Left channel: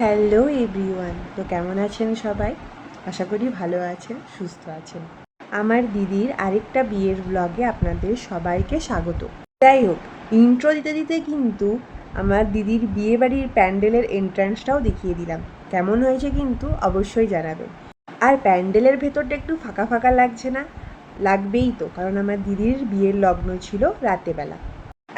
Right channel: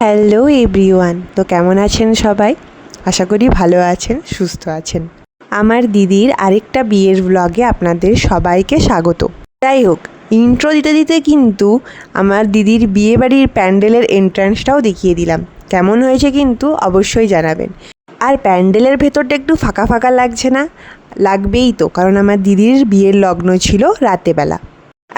Hello everyone, তো কেমন আছেন সবাই? আশা করি ভালো আছেন, সুস্থ আছেন। আমার দিদির আরেকটা বিয়ের ব্লগে আপনাদের সবাইকে স্বাগত। যাই হোক, ইন্ট্রো দিতে দিতে কিন্তু আমার দিদির বিয়েবাড়ির প্যান্ডেলের এন্ট্রান্সটাও দেখিয়ে দিলাম। কেমন হয়েছে কিন্তু অবশ্যই জানাবেন। আর প্যান্ডেলের ভেতরটা একটু ফাঁকা ফাঁকা লাগছে না? লাগবেই তো, কারণ আমার দিদির বিয়ের লগ্ন ছিল রাতেবেলা।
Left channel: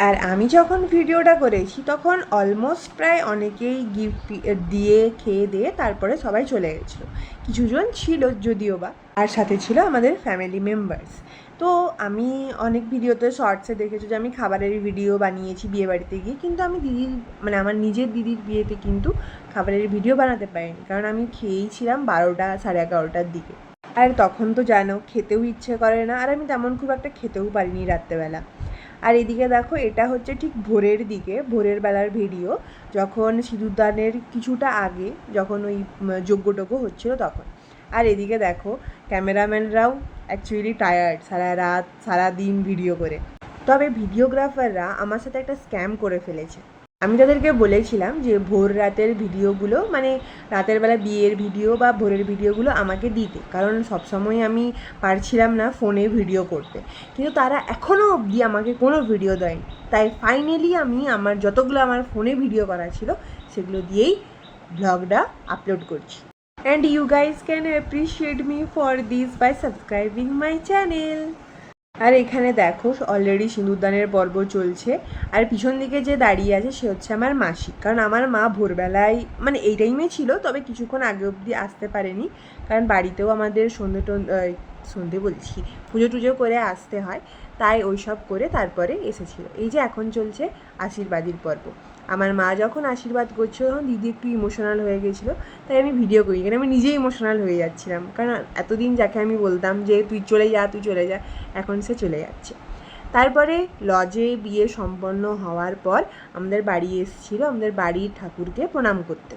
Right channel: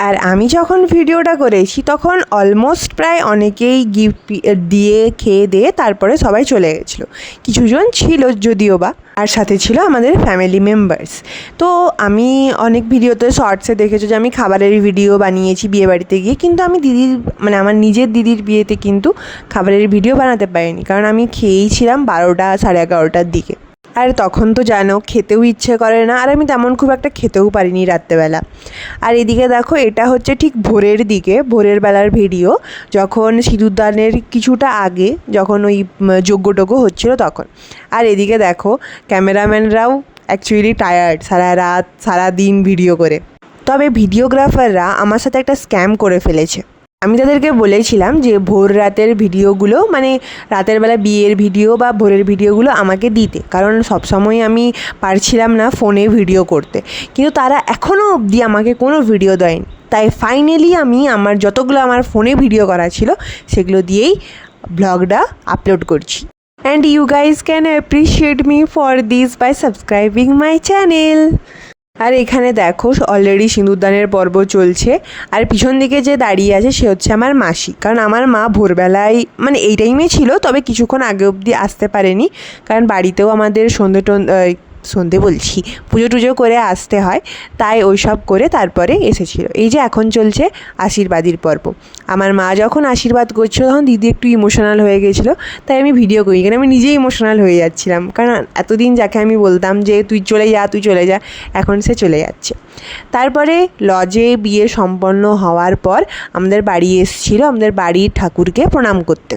আর আমি যখন ভিডিওটা করেছি তখন অলমোস্ট প্রায় অনেকেই গিফট দিয়ে খেয়ে দিয়ে তারপরে সবাই চলে গেছিলো। কিছুজন ছিল যদিও বা, আর সাথে ছিল আমাদের ফ্যামিলি মেম্বার্স। তো আমি অনেক ভিডিওতে শর্টসে দেখেছো যে আমি খাবারের ভিডিও বানিয়েছি বিয়েবাড়িতে গিয়ে, কিন্তু আমি দিদির আমার নিজের দিদির বিয়েতে কিন্তু খাবারের ভিডিও বানাতে পারিনি, কারণ আমি খেয়েই ছিলাম 12টা সাড়ে 11টার দিকে। আর তখন তো জানো খেতেও ইচ্ছে করে না, আর আমি তেমন খুব একটা খেতেও পারিনি রাত্রেবেলা। আর এদিকে দেখো, এটা হচ্ছে ঠিক ভোরের দিকে, ভোরের বেলার ভিডিও, যখন সিঁদুরদানের কিছুটা আগে, যখন ওই যজ্ঞটজ্ঞ হচ্ছিলো তখন। আর এদিকে দেখো ক্যামেরাম্যানরাও অ্যাকচুয়ালি টায়ার্ড, সারা রাত সারা দিন ভিডিও করে। তবে ভিডিওগ্রাফাররা আমার সাথে একটা স্ক্যাম করে ফেলেছে। আমি তাদেরকে বলেছিলাম যে ভোর রাতের ভিডিওগুলো, রাতের বেলা বিয়ের ভিডিও বা ভোরের ভিডিওগুলো আমাকে দিতে, কারণ সবসময় আমি পারছিলাম না ফোনে ভিডিও করতে। কিন্তু তারা এখনও অবধি আমাকে কোনো ভিডিও দেয়নি। তাই ফাইনালি আমি আমার যতগুলো আমার ফোনে ভিডিও করা ছিল সেগুলো দিয়েই ব্লগটা আপলোড করছি। And you guys can appreciate me for this by subscribing my channel. আর এখানে দেখো অলরেডি সিঁদুরদানের পর্ব চলছে। আর পিছন দিকে যে দাঁড়িয়ে আছে সে হচ্ছে আমার মাসি, কারণ আমার মা ভোরবেলায় এই টাইমে ছিল, তবে কিছুক্ষণ আগে অবধি আসতে পারেনি, কারণ বাড়িতেও আমাদের সন্ধে বলছি, পুজো টুজো করে আসতে হয়, তাই ওই সব করে তারপরে এসেছিল। এই যে এখন চলছে আশীর্বাদীর পর্ব। আমার মা যখন আশীর্বাদ করছিল তখন দিদি একটু ইমোশনাল হয়ে গেছিলো, তাই আমি ভিডিও করি, কারণ আমি নিজেই ইমোশনাল হয়ে যাচ্ছিলাম, কারণ এতদিন যাকে আমি বলতাম যে তুই চলে যা তুই চলে যা, এখন সে চলে যাচ্ছে। তারপরে লজে বিয়ে সম্পন্ন হওয়ার পর আমাদের বাড়ি এসেছিলো আমাদের বাড়ির ঠাকুরকে প্রণাম করতে।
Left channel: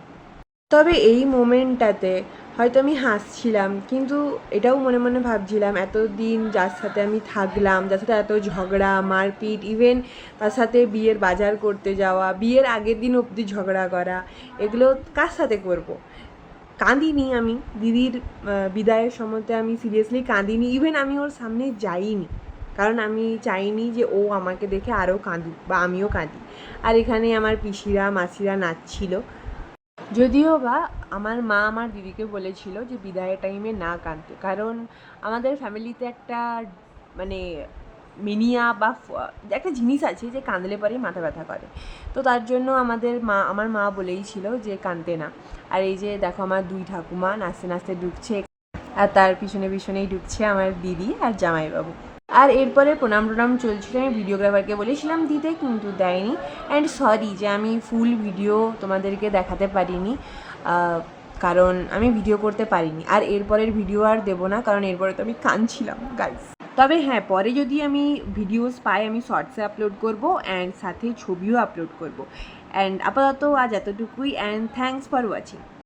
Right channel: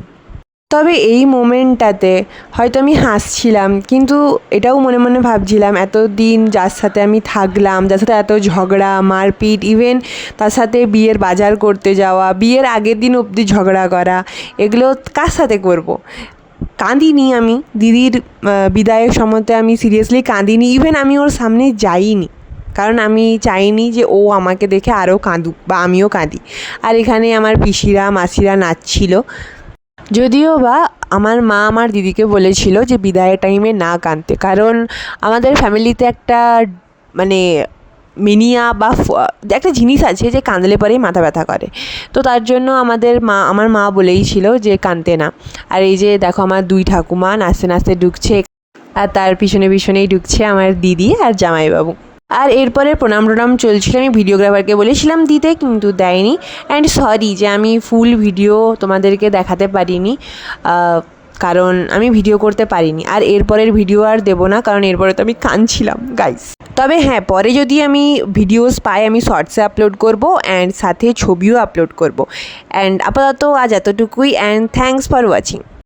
তবে এই মোমেন্টটাতে হয়তো আমি হাসছিলাম, কিন্তু এটাও মনে মনে ভাবছিলাম এতদিন যার সাথে আমি থাকলাম, যার সাথে এত ঝগড়া মারপিট, ইভেন তার সাথে বিয়ের বাজার করতে যাওয়া, বিয়ের আগের দিন অবধি ঝগড়া করা, এগুলো কার সাথে করব। কাঁদিনি আমি দিদির বিদায়ের সময়তে, আমি সিরিয়াসলি কাঁদিনি, ইভেন আমি ওর সামনে যাইনি, কারণ আমি চাইনি যে ও আমাকে দেখে আরও কাঁদুক বা আমিও কাঁদি। আর এখানে আমার পিসিরা মাসিরা নাচছিল, যদিও বা আমার মা আমার দিদিকে বলেছিল যে বিদায়ের টাইমে না কাঁদতে, কারণ আমাদের ফ্যামিলিতে একটা মানে মিনিয়া বা একটা জিনিস আছে যে কাঁদলে পরেই মাথা ব্যথা করে। তো তার জন্য আমার মা বলেই ছিল যে কাঁদতে না। আর এই যে দেখো আমার দুই ঠাকুমা নাচতে নাচতে ঢুকছে, আর তার পিছনে পিছনেই ঢুকছে আমার দিদি আর জামাইবাবু। আর এরপরে প্রণাম টনাম চলছিল, আমি ভিডিওগ্রাফারকে বলেছিলাম দিতে, কিন্তু দেয়নি। অ্যান্ড সরি যে আমি ফুল ভিডিও তোমাদেরকে দেখাতে পারিনি, কারণ আমি ভিডিও করতে পারিনি। আর এরপরের ভিডিও আর দেবো না, কারণ এরপরে তো আমি কাঁদছিলাম গাইস। তবে হ্যাঁ, পরে যদি আমি ভিডিওস পাই আমি শর্টসে আপলোড করব, অ্যান্ড সাথে ছবিও আপলোড করব। অ্যান্ড আপাতত আজ এতটুকুই, অ্যান্ড থ্যাঙ্কস ফর ওয়াচিং।